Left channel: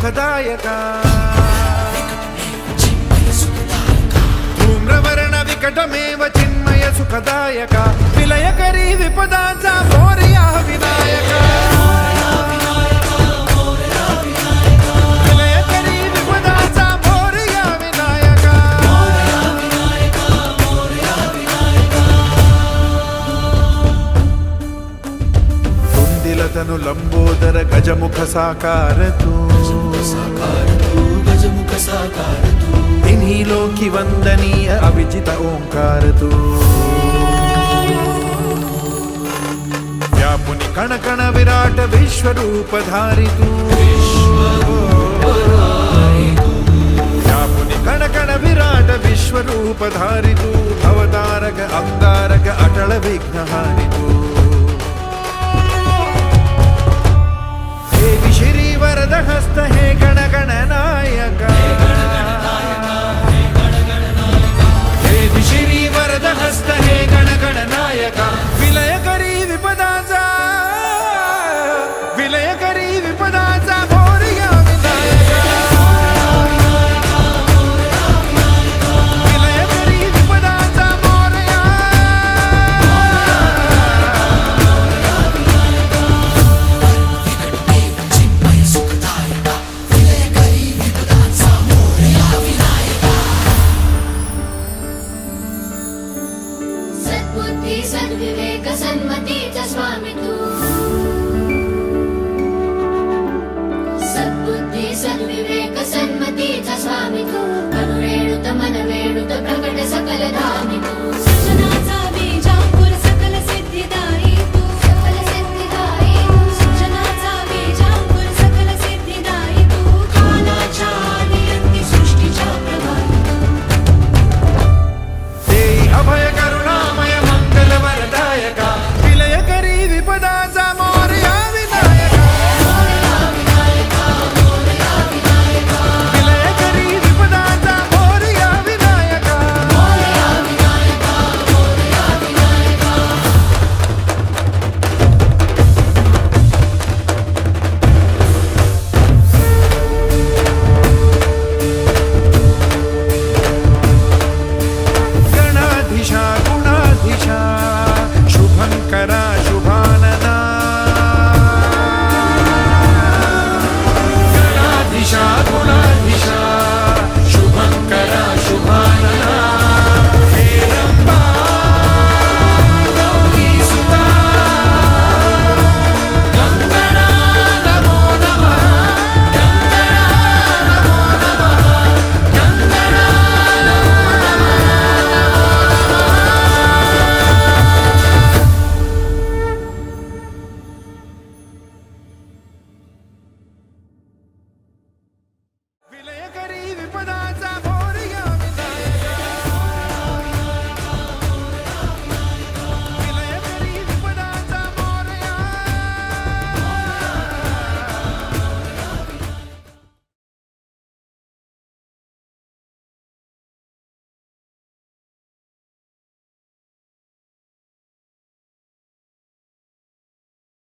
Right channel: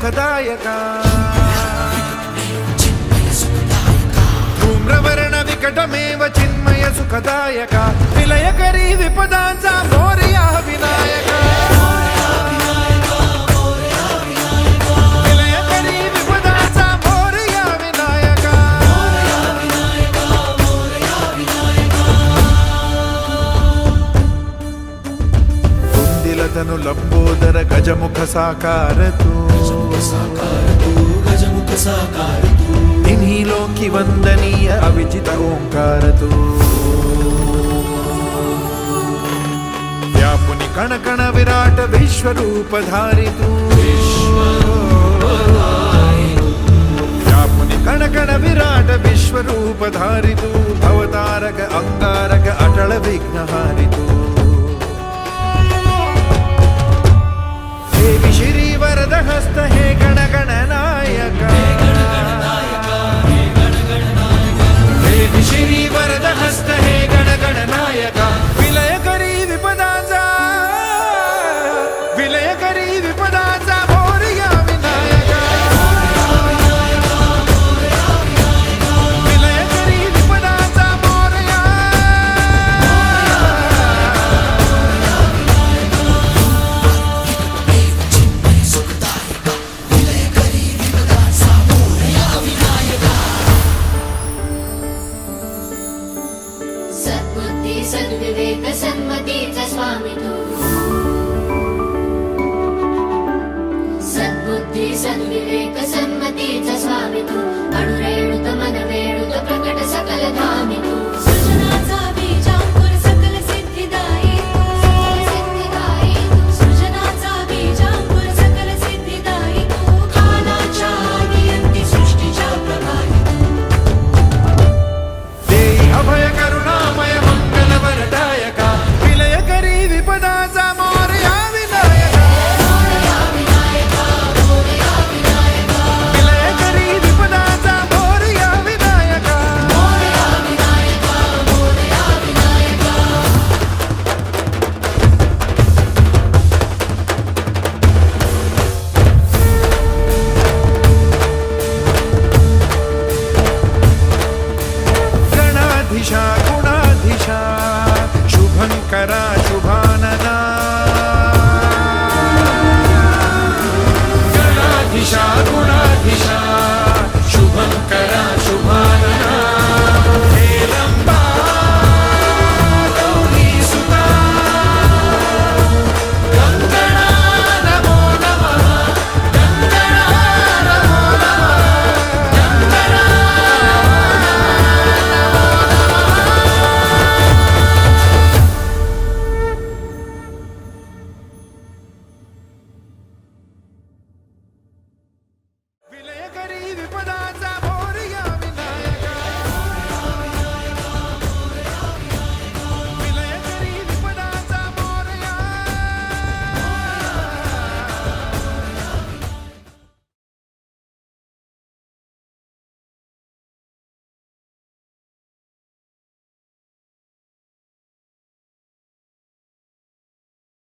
सुखदायका धूम्रवर्ण विकटमेव चिन्मय सुखदायका विलयकरी विपदांचा मोरया विनायका विलयकरी विपदांचा मोरया विनायका तुंदिलतनु लंबोदर गजमुख साकार तू तिन्ही लोकी वंदनीय अविजित ओंकार तू व्यापुनी कण कण विराट विश्वरूप धारी तू व्यापुनी कण कण विराट विश्वरूप धारी तू भवतारक अंगारक अटल विघ्नहारी तू हे श्री वरद हस्त हे गण गण नायका हे श्री वरद हस्त हे गण गण नायका विलयकरी विपदाचा विलयकरी विपदाचा मोरया विनायका विलयकरी विपदाचा मोरया सद्बुद्धी सद्विवेक सन्मतीचा स्वामी तू सद्बुद्धी सद्विवेक सन्मतीचा स्वामी तू अणुरेणुत मनवेणुत प्रकट सकल धामी तू सृजनाचा बीजांकुर सकल सिद्धिदायी तू सृजनाचा बीजांकुर सकल सिद्धिदायी तू कालाच्या आदियंती सृष्टीच्या प्रभावी देई अभय करुणामय मंगल वरदायका विलयकरी विपदाचा मोरया विनायका विलयकरी विपदाचा मोरया विनायका गणाधीशा गुणाधीशा शुभंकरा शुभानना गणाधीशा गुणाधीशा शुभंकरा शुभा